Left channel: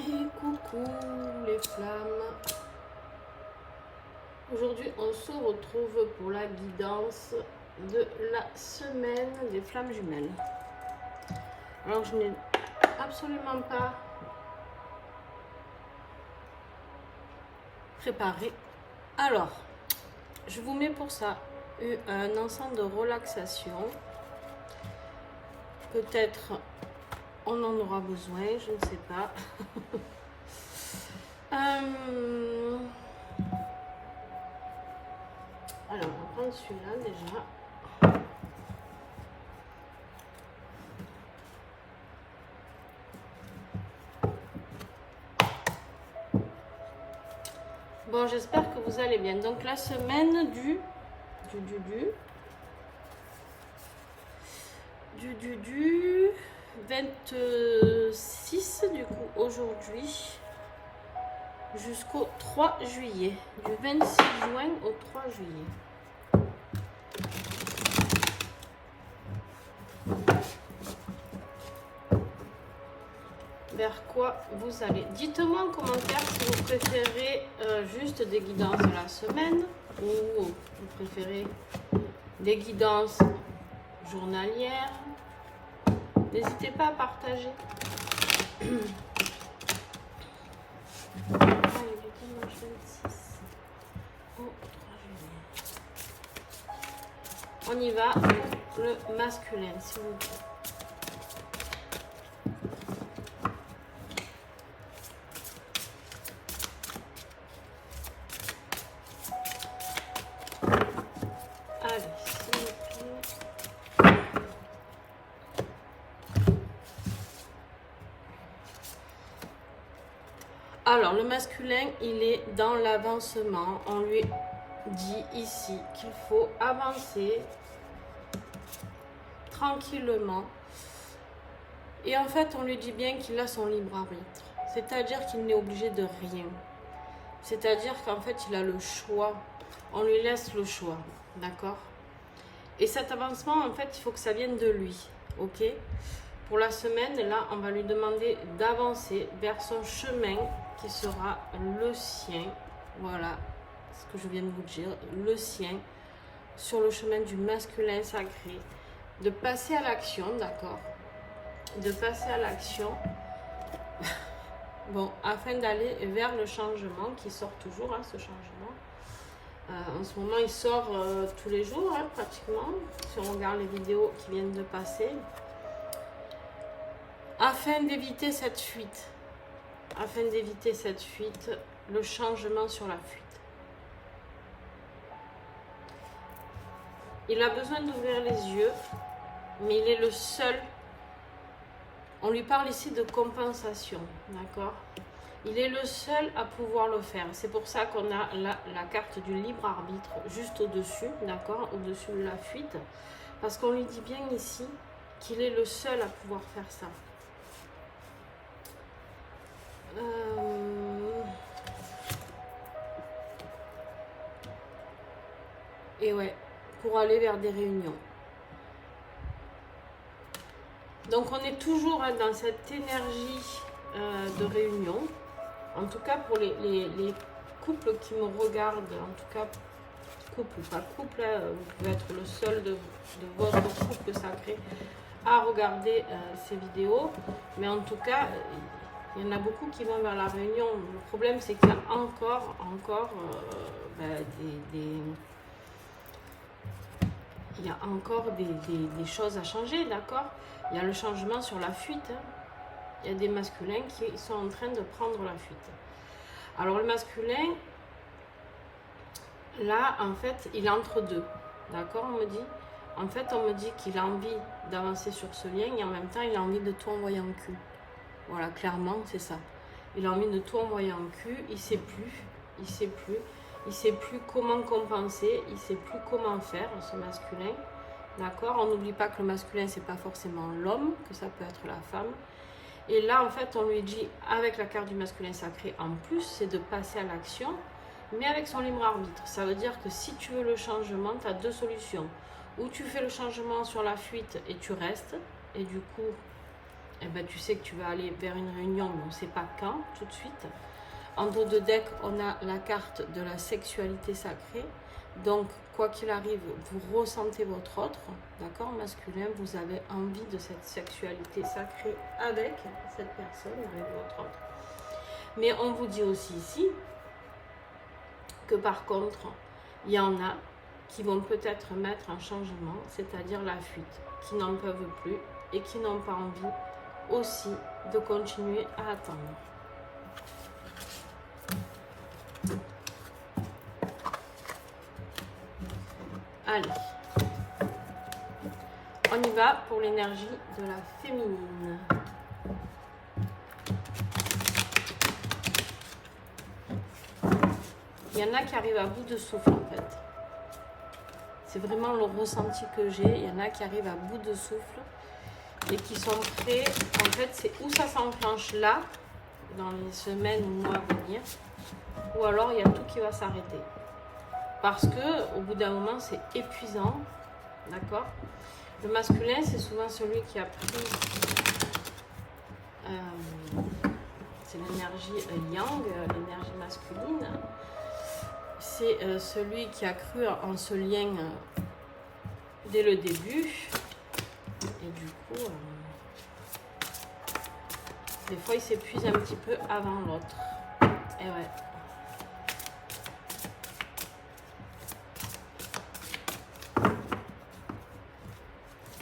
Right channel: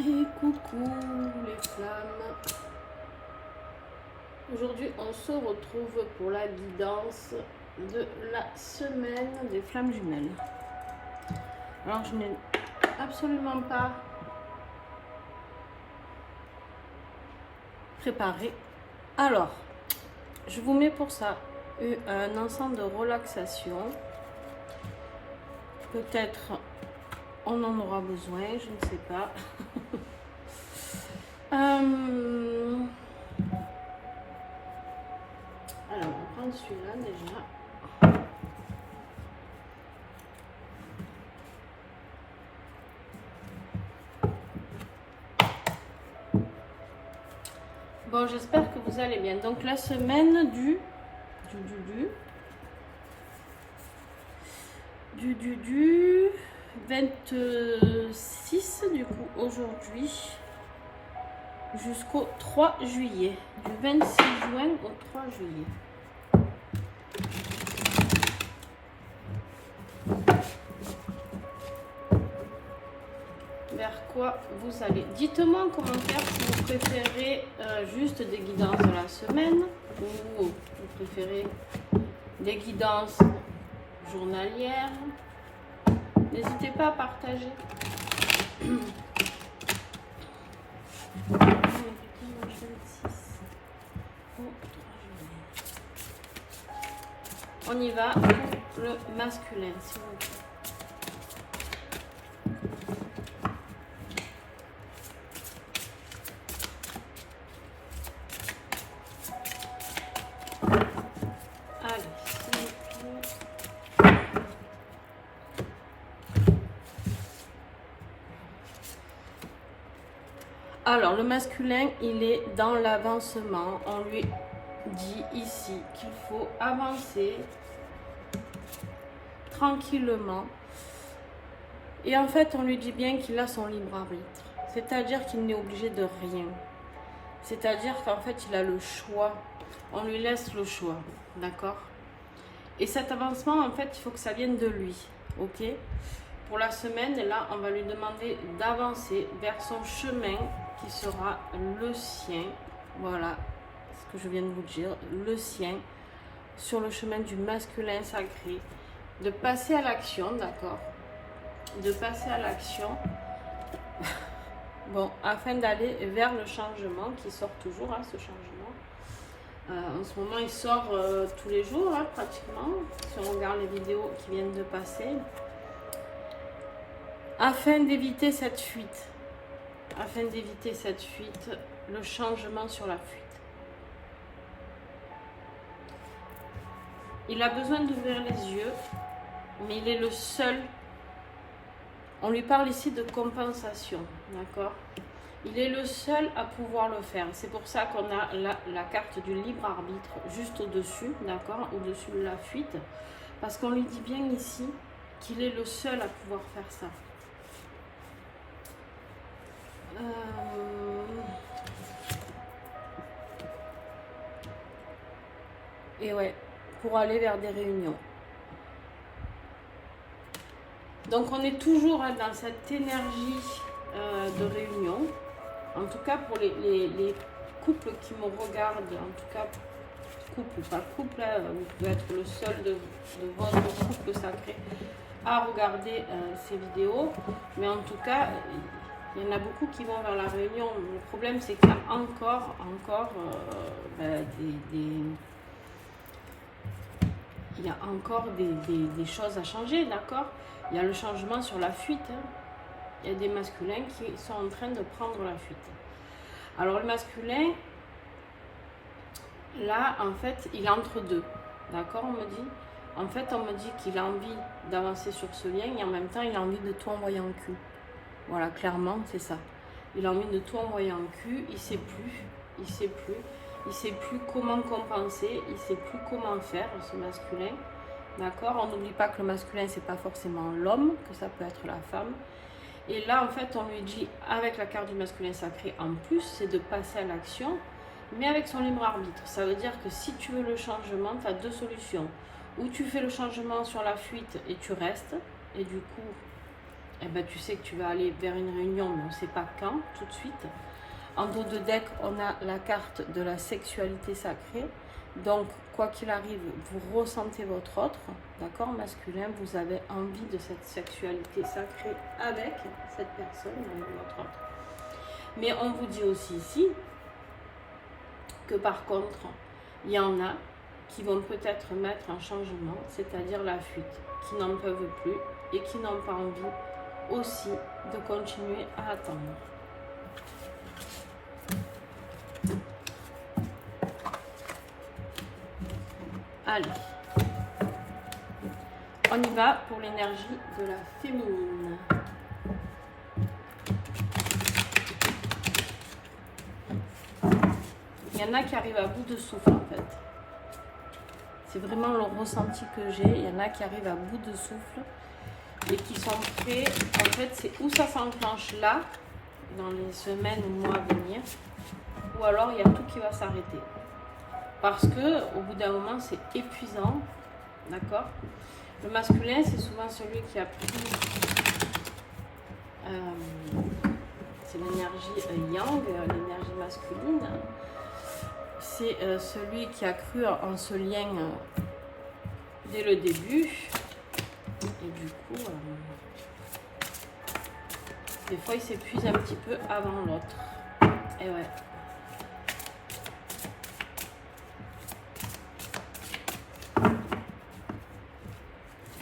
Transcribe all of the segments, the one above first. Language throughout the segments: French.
Et coucou les flammes. Aujourd'hui on se retrouve pour la guidance de la semaine des flammes jumelles. Alors je n'ai absolument pas préparé. Alors je vous mets pour ça un ensemble de relaxation. Peut-être on en aura besoin, je ne sais pas. Alors, on va prendre celui-là déjà. Bon, j'espère que vous allez bien. Donc, la semaine du 26, du coup, aujourd'hui, jusqu'au 3 juillet. Du 26 juin au 3 juillet. Vers quoi vous allez. Dites-moi en commentaire si vous préférez juste des guidances de la semaine ou vous préférez des guidances journalières. N'hésitez pas à partager. On y va pour le masculin, s'il vous plaît. Alors, le masculin, il est dans l'avancement. On lui dit ici qu'il faut avancer tranquillement. Et en fait, on lui dit bien qu'il a son libre arbitre. C'est-à-dire qu'il n'est obligé de rien. C'est-à-dire qu'en fait, il a le choix. On lui laisse le choix. D'accord? Et cet avancement, en fait, il faut que ça vienne de lui. Ok? Pour la semaine, là, on va lui demander d'avancer vers son chemin qui sera le sien. Voilà ce que je viens de vous dire. Le sien. Sur le chemin du masculin sacré. De passer à l'action, d'accord? De passer à l'action. Bon, afin d'aller vers le changement qui sort toujours, hein, ce changement. En ce moment, il sort tous les jours, hein, pratiquement. Si on regarde les vidéos qui viennent de passer. Afin d'éviter cette fuite. Afin d'éviter cette fuite, le changement sur la fuite. Il a besoin d'ouvrir les yeux, mais il est le seul. On lui parle ici de compensation, d'accord? Il est le seul à pouvoir le faire. C'est pour ça qu'on a la carte du libre arbitre juste au-dessus, d'accord? Au-dessus de la fuite. Parce qu'on lui dit bien ici qu'il est le seul à pouvoir faire ça. Et ouais, pour aller vers des réunions. Donc on est toujours dans cette énergie de réunion. En tout cas pour les couples qui me regardent, en tout cas couple, pas couple, vous pouvez être le seul de votre couple sacré à regarder ces vidéos. Mais en tout cas, il y en a beaucoup qui vont vers la réunion. Le problème c'est qu'il y a encore il y a encore des choses à changer, d'accord? Il y a le changement sur la fuite. Hein. Il y a des masculins qui sont en train de prendre la fuite. Alors le masculin, là, en fait, il est entre deux. D'accord, on me dit? En fait, on me dit qu'il a envie d'avancer sur ce lien et en même temps, il a envie de tout envoyer en cul. Voilà, clairement, c'est ça. Il a envie de tout envoyer en cul, il ne sait plus. Il ne sait plus comment compenser, il ne sait plus comment faire, ce masculin. D'accord? On n'oublie pas que le masculin, c'est pas forcément l'homme, que ça peut être la femme. Et là, en fait, on lui dit, avec la carte du masculin sacré, en plus, c'est de passer à l'action, mais avec son libre arbitre. Ça veut dire que si tu veux le changement, tu as deux solutions. Ou tu fais le changement sur la fuite et tu restes, et du coup, eh ben, tu sais que tu vas aller vers une réunion, mais on ne sait pas quand, tout de suite. En dos de deck, on a la carte de la sexualité sacrée. Donc, quoi qu'il arrive, vous ressentez votre autre, d'accord, masculin. Vous avez envie de cette sexualité sacrée avec cette personne, avec votre autre. Mais on vous dit aussi ici que par contre, il y en a qui vont peut-être mettre un changement, c'est-à-dire la fuite, qui n'en peuvent plus et qui n'ont pas envie aussi de continuer à attendre. Allez, on y va pour l'énergie de la féminine. Il y en a qui arrivent à bout de souffle en fait. C'est vraiment le ressenti que j'ai. Il y en a qui arrivent à bout de souffle et qui sont prêts. En fait, c'est où ça s'enclenche là, dans les semaines et mois à venir, ou alors il y a tout qui va s'arrêter. Parce que au bout d'un moment, c'est épuisant, d'accord? Le masculin, c'est souvent celui qui a pris, c'est l'énergie yang, l'énergie masculine. C'est celui qui a cru en ce lien dès le début. Et du coup, des fois, il s'épuise un petit peu avant l'autre. Et ouais.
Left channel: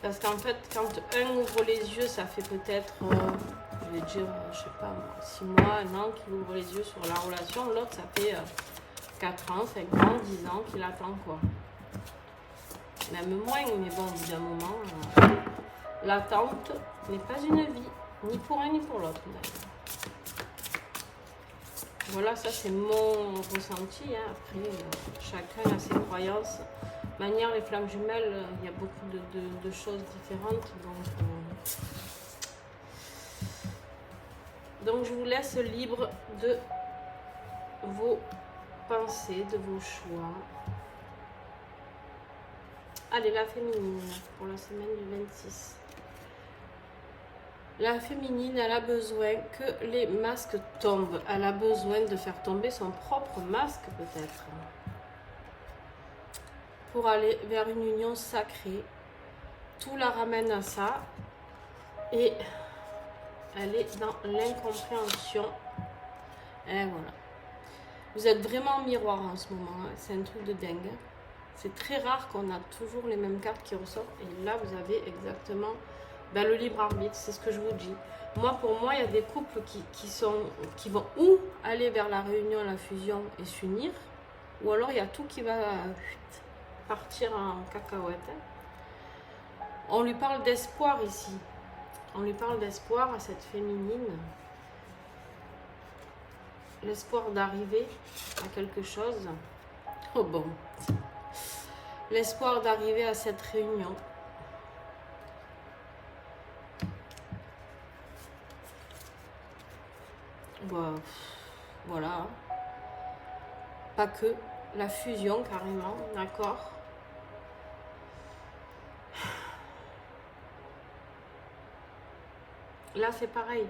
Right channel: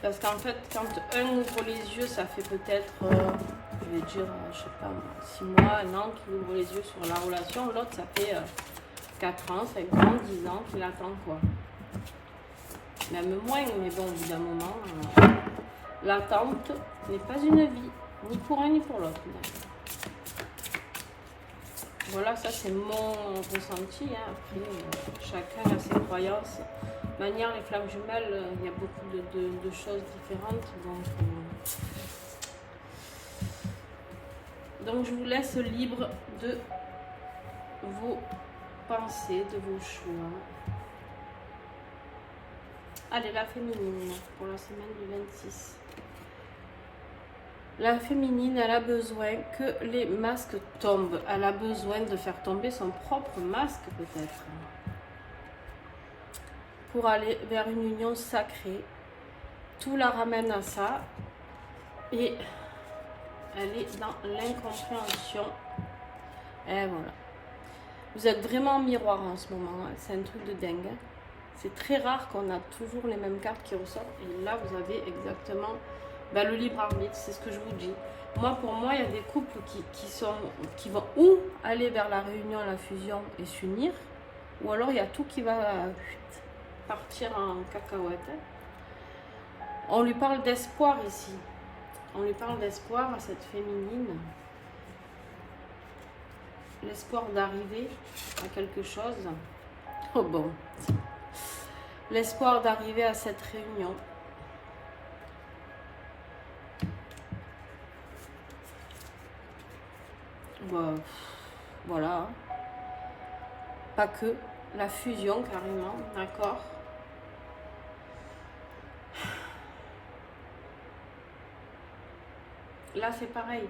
Parce qu'en fait, quand un ouvre les yeux, ça fait peut-être, je vais dire, je sais pas moi, 6 mois, 1 an qu'il ouvre les yeux sur la relation. L'autre, ça fait 4 ans, 5 ans, 10 ans qu'il attend quoi. Même moins, mais bon, au bout d'un moment, l'attente n'est pas une vie, ni pour un ni pour l'autre. Voilà, ça c'est mon ressenti. Hein. Après, chacun a ses croyances. De manière, les flammes jumelles, il y a beaucoup de choses différentes. Donc, je vous laisse libre de vos pensées, de vos choix. Allez, la féminine pour la semaine du 26. La féminine, elle a besoin que les masques tombent. Elle a besoin de faire tomber son propre masque peut-être. Pour aller vers une union sacrée. Tout la ramène à ça. Et elle est dans l'incompréhension. Et voilà. Vous êtes vraiment en miroir en ce moment. Hein. C'est un truc de dingue. C'est très rare qu'on a toujours les mêmes cartes qui ressortent. Et là, vous avez exactement le libre arbitre. C'est ce que je vous dis. Moi, pour moi, il y a des couples qui vont ou aller vers la réunion, la fusion et s'unir. Ou alors, il y a tout qui va partir en cacahuète. On lui parle d'espoir ici. On lui parle d'espoir à cette féminine. L'espoir d'arriver à quelque chose. Oh bon. L'espoir d'arriver à cette réunion. Voilà. Pas que. La fusion carrément. D'accord. Là, c'est pareil.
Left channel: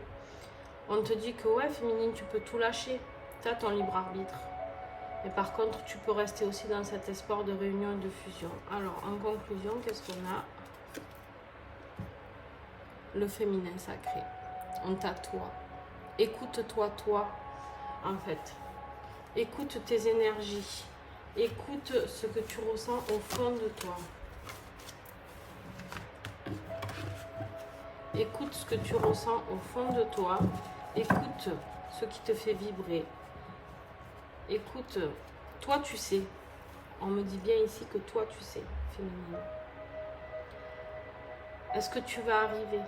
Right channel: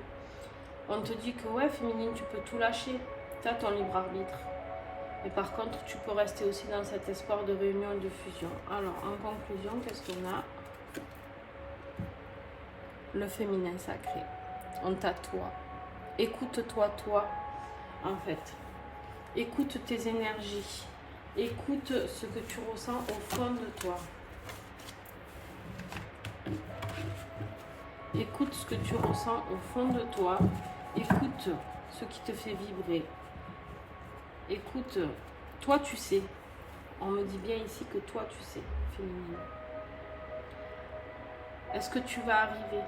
On te dit que, ouais, féminine, tu peux tout lâcher. Tu as ton libre arbitre. Mais par contre, tu peux rester aussi dans cet espoir de réunion et de fusion. Alors, en conclusion, qu'est-ce qu'on a? Le féminin sacré. On t'a toi. Écoute-toi, toi, en fait. Écoute tes énergies. Écoute ce que tu ressens au fond de toi. Écoute ce que tu ressens au fond de toi. Écoute ce qui te fait vibrer. Écoute, toi tu sais. On me dit bien ici que toi tu sais, féminine. Est-ce que tu vas arriver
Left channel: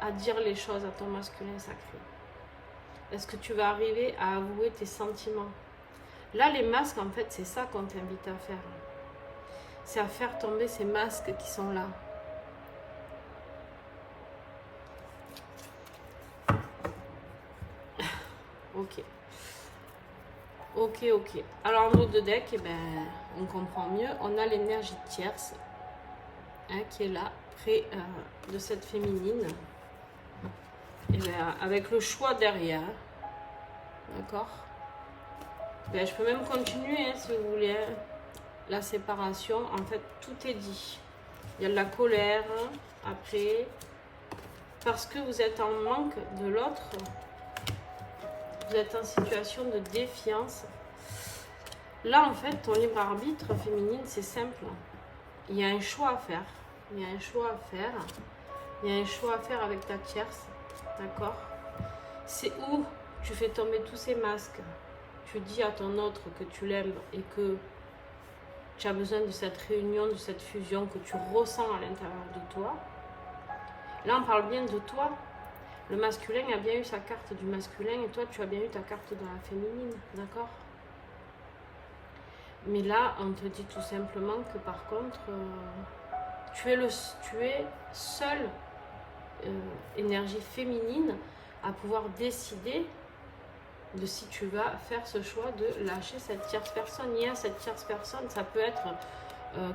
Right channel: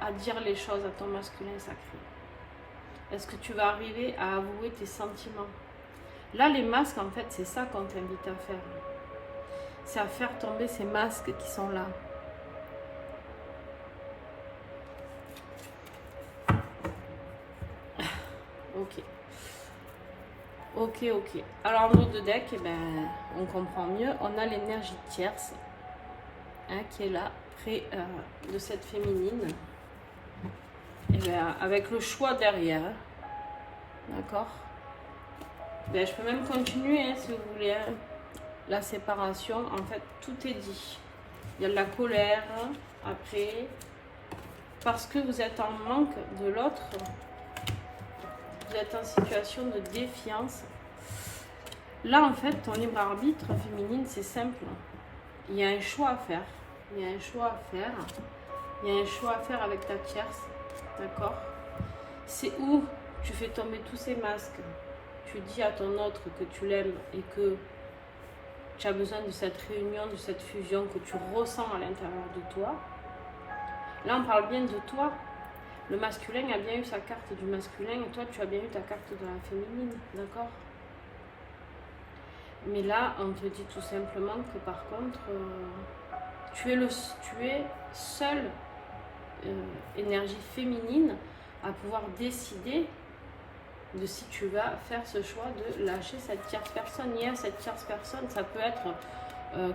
à dire les choses à ton masculin sacré? Est-ce que tu vas arriver à avouer tes sentiments? Là, les masques, en fait, c'est ça qu'on t'invite à faire. C'est à faire tomber ces masques qui sont là. Ok. Ok. Alors, en mode de deck, eh ben, on comprend mieux. On a l'énergie tierce qui est là, près de cette féminine. Et bien, avec le choix derrière, d'accord. Ben, je peux même continuer hein, si vous voulez. Hein. La séparation, en fait, tout est dit. Il y a de la colère après, parce que vous êtes en manque de l'autre. Vous êtes en situation de défiance. Là, en fait, ton libre arbitre féminine, c'est simple. Il y a un choix à faire. Il y a un choix à faire. Il y a un choix à faire avec ta tierce. D'accord? C'est où tu fais tomber tous ces masques. Tu dis à ton autre que tu l'aimes et que tu as besoin de cette réunion, de cette fusion que tu ressens à l'intérieur de toi. Là, on parle bien de toi. Le masculin a bien eu sa carte du masculin et toi, tu as bien eu ta carte de la féminine. D'accord? Mais là, on te dit tout simplement que par contre, tu es seule énergie féminine à pouvoir décider de si tu vas faire ce choix de lâcher cette tierce personne. Il y a cette tierce personne, ça peut être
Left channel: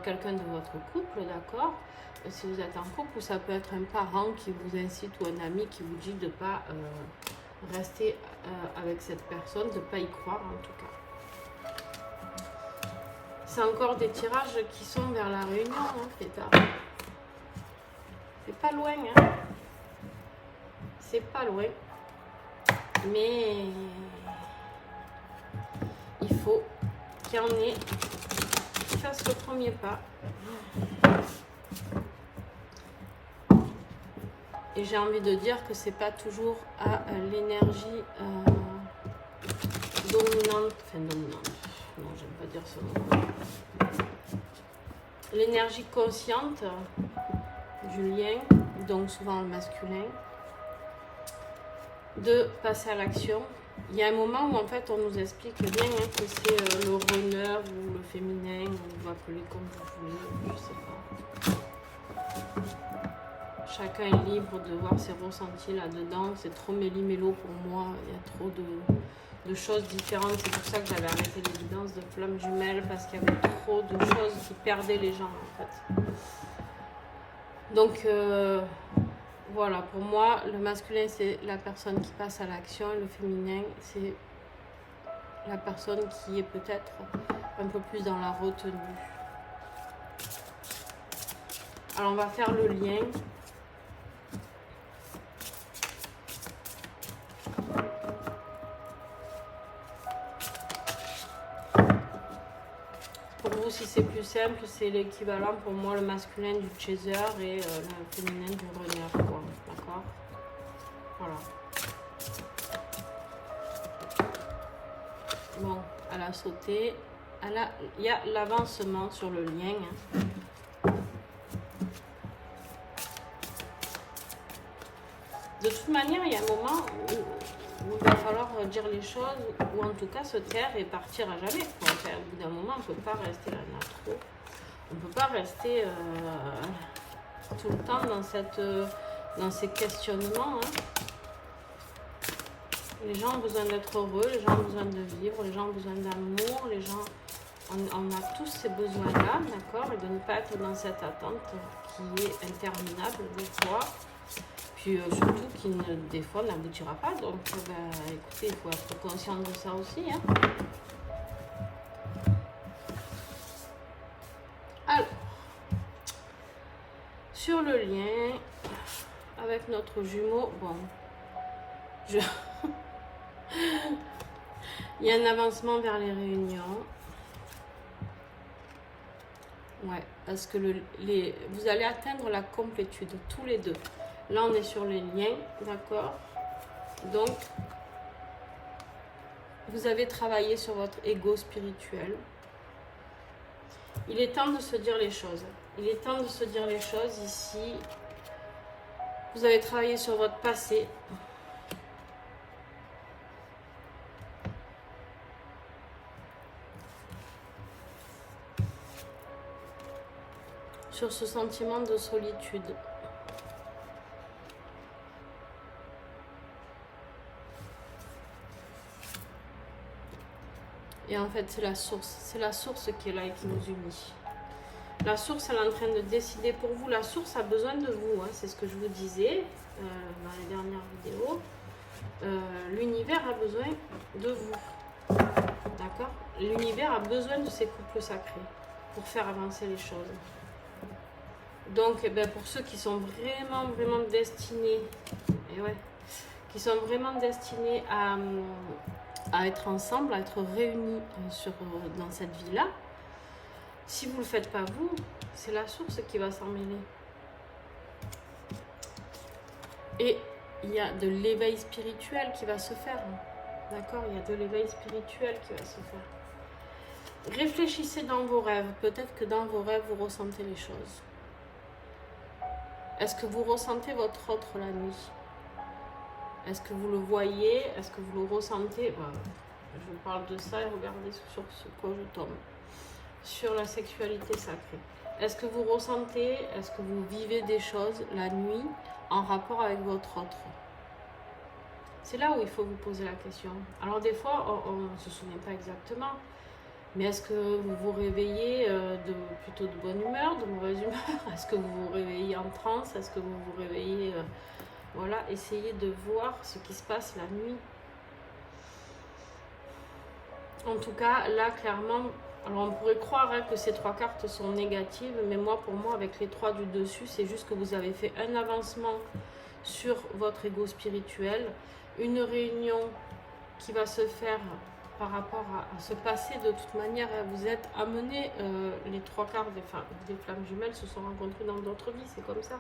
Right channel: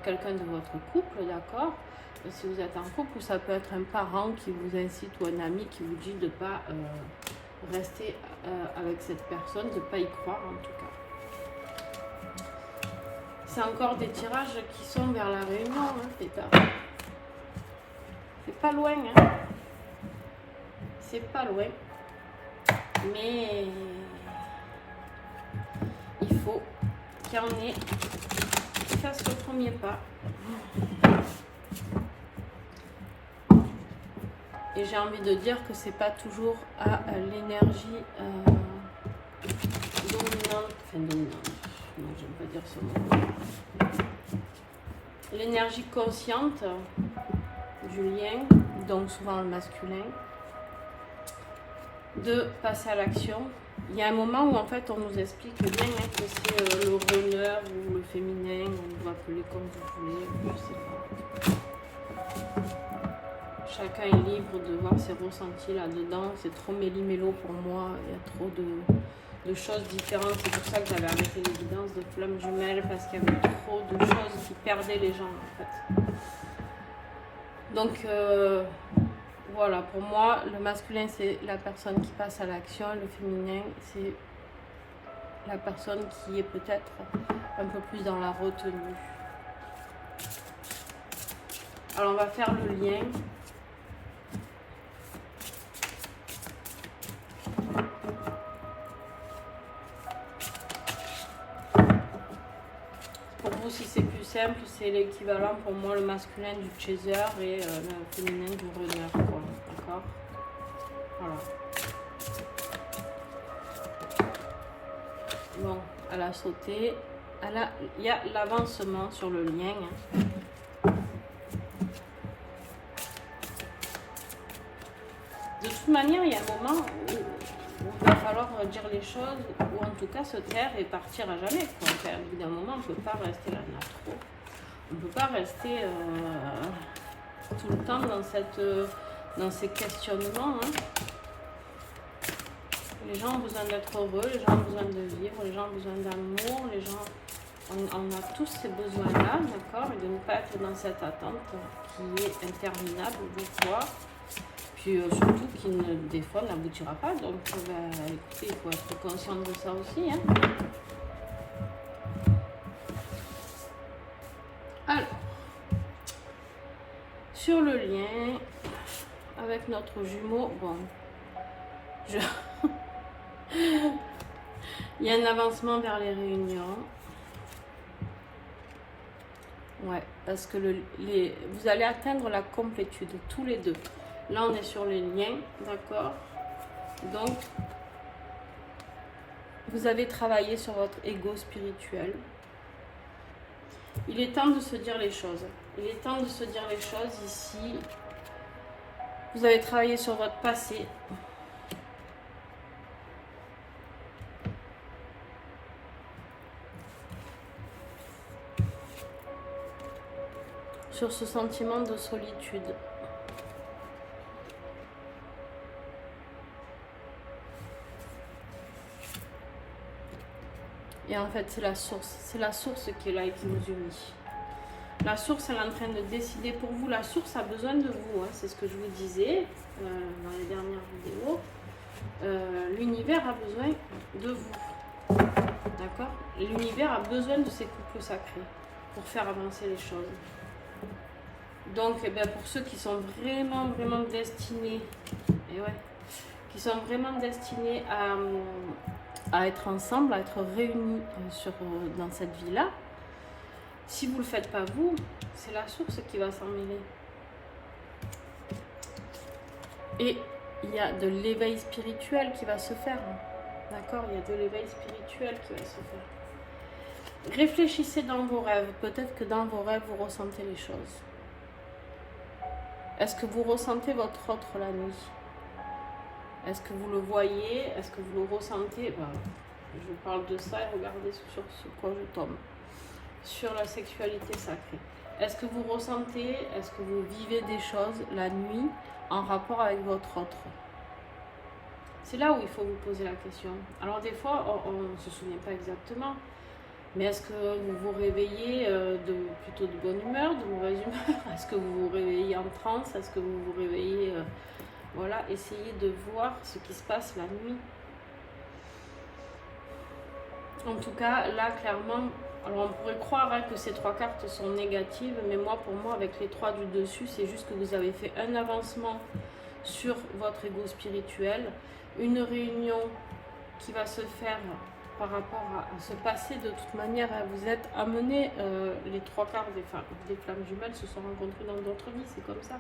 quelqu'un de votre couple, d'accord, si vous êtes en couple, ou ça peut être un parent qui vous incite ou un ami qui vous dit de ne pas rester avec cette personne, de ne pas y croire en tout cas. C'est encore des tirages qui sont vers la réunion, hein, c'est pas loin, hein. C'est pas loin, mais il faut qu'il y en ait qui fassent le premier pas. Et j'ai envie de dire que c'est pas toujours à l'énergie dominante, non, j'aime pas dire ça. L'énergie consciente du lien, donc souvent le masculin, de passer à l'action. Il y a un moment où en fait on nous explique bien hein, que c'est le runner ou le féminin, on va appeler comme vous voulez, je sais pas. Chacun est libre de voir ses ressentis là-dedans. C'est trop méli-mélo pour moi. Il y a trop de choses différentes. C'est pour ça que j'avais arrêté l'évidence de flammes jumelles, parce qu'il y avait trop de choses qui perdaient les gens en fait. Donc voilà, pour moi, le masculin c'est la personne qui passe à l'action. Le féminin c'est la personne qui est peut-être un peu plus dans la retenue. Alors on va faire le lien. Si c'est plus simple, c'est l'équivalent pour moi le masculin du chaser et le féminin du runner, quoi. D'accord? Voilà. Bon, elle a sauté. Il y a l'avancement sur le lien. Hein. De toute manière, il y a un moment où il va falloir dire les choses, ou en tout cas se taire et partir à jamais. Quoi. Enfin, au bout d'un moment, on ne peut pas rester là, trop. On ne peut pas rester tout le temps dans ces questionnements. Hein. Les gens ont besoin d'être heureux, les gens ont besoin de vivre, les gens ont besoin d'amour, les gens... On a tous ces besoins-là, d'accord, et de ne pas être dans cette attente qui est interminable des fois. Puis surtout qui des fois n'aboutira pas, donc écoutez, il faut être conscient de ça aussi. Hein. Alors, sur le lien avec notre jumeau, bon, il y a un avancement vers les réunions. Ouais, parce que vous allez atteindre la complétude, tous les deux. Là, on est sur les liens, d'accord? Donc, vous avez travaillé sur votre ego spirituel. Il est temps de se dire les choses. Il est temps de se dire les choses ici. Vous avez travaillé sur votre passé. Sur ce sentiment de solitude. Et en fait, c'est la source qui est là et qui nous unit. La source, elle est en train de décider pour vous. La source a besoin de vous, hein, c'est ce que je vous disais dans les dernières vidéos. L'univers a besoin de vous. D'accord? L'univers a besoin de ces couples sacrés pour faire avancer les choses. Donc, eh ben, pour ceux qui sont vraiment destinés, et ouais, qui sont vraiment destinés à être ensemble, à être réunis dans cette vie-là, si vous ne le faites pas vous, c'est la source qui va s'en mêler. Et il y a de l'éveil spirituel qui va se faire. D'accord? Il y a de l'éveil spirituel qui va se faire. Réfléchissez dans vos rêves. Peut-être que dans vos rêves, vous ressentez les choses. Est-ce que vous ressentez votre autre la nuit? Est-ce que vous le voyez? Est-ce que vous le ressentez? Voilà. Je parle de ça et regardez sur ce quoi je tombe. Sur la sexualité sacrée. Est-ce que vous ressentez, est-ce que vous vivez des choses la nuit en rapport avec votre autre? C'est là où il faut vous poser la question. Alors des fois, on ne se souvient pas exactement, mais est-ce que vous vous réveillez plutôt de bonne humeur, de mauvaise humeur? Est-ce que vous vous réveillez en transe? Est-ce que vous vous réveillez... voilà, essayez de voir ce qui se passe la nuit. En tout cas, là, clairement... Alors, on pourrait croire hein, que ces 3 cartes sont négatives, mais pour moi, avec les 3 du dessus, c'est juste que vous avez fait un avancement sur votre ego spirituel, une réunion qui va se faire par rapport à ce passé. De toute manière, hein, vous êtes amenés, les 3 quarts des flammes jumelles se sont rencontrées dans d'autres vies, c'est comme ça.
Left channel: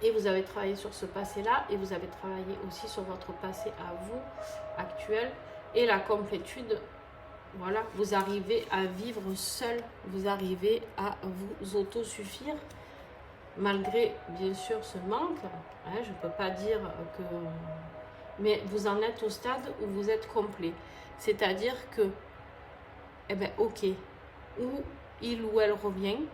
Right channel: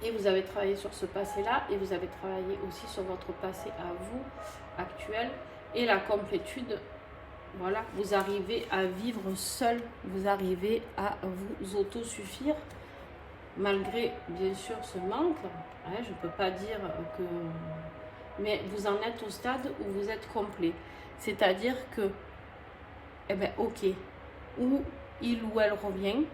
Et vous avez travaillé sur ce passé-là, et vous avez travaillé aussi sur votre passé à vous, actuel, et la complétude. Voilà, vous arrivez à vivre seul, vous arrivez à vous autosuffire, malgré bien sûr ce manque. Hein, je ne peux pas dire que... Mais vous en êtes au stade où vous êtes complet. C'est-à-dire que, eh ben ok, ou il ou elle revient,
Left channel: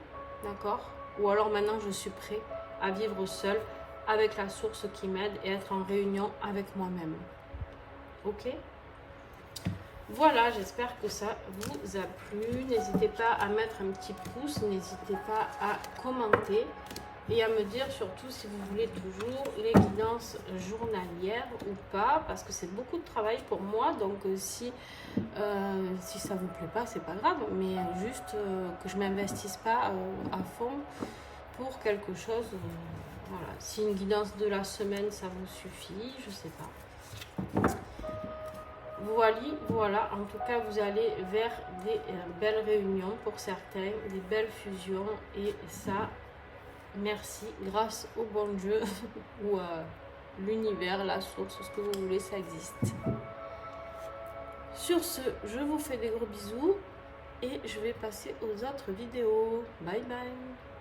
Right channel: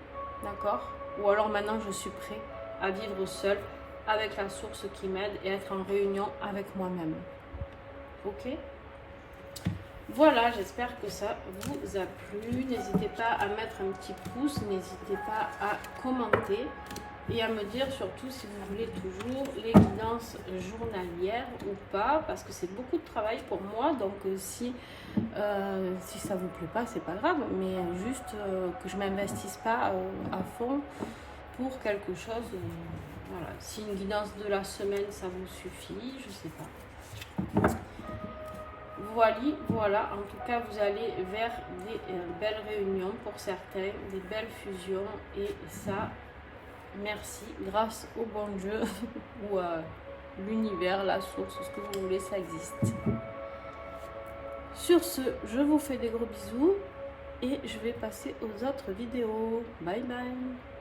d'accord? Ou alors maintenant je suis prêt à vivre seul, avec la source qui m'aide et être en réunion avec moi-même. Ok? Voilà, j'espère que ça vous a plu. N'hésitez pas à mettre un petit pouce, n'hésitez pas à commenter et à me dire surtout si vous voulez toujours les guidances journalières ou pas, parce que c'est beaucoup de travail pour moi. Donc si ça vous plaît pas, c'est pas grave, mais juste que je m'investisse pas à fond pour quelque chose. Voilà, si une guidance de la semaine ça vous suffit, je sais pas. Voilà, en tout cas, vous allez vers des belles réunions pour certains, des belles fusions, et ça, merci, grâce au bon Dieu, ou à l'univers, la source, ce que vous voulez, ça existe. Sur ce, je vous fais des gros bisous, et je vais passer aux autres vidéos. Bye bye!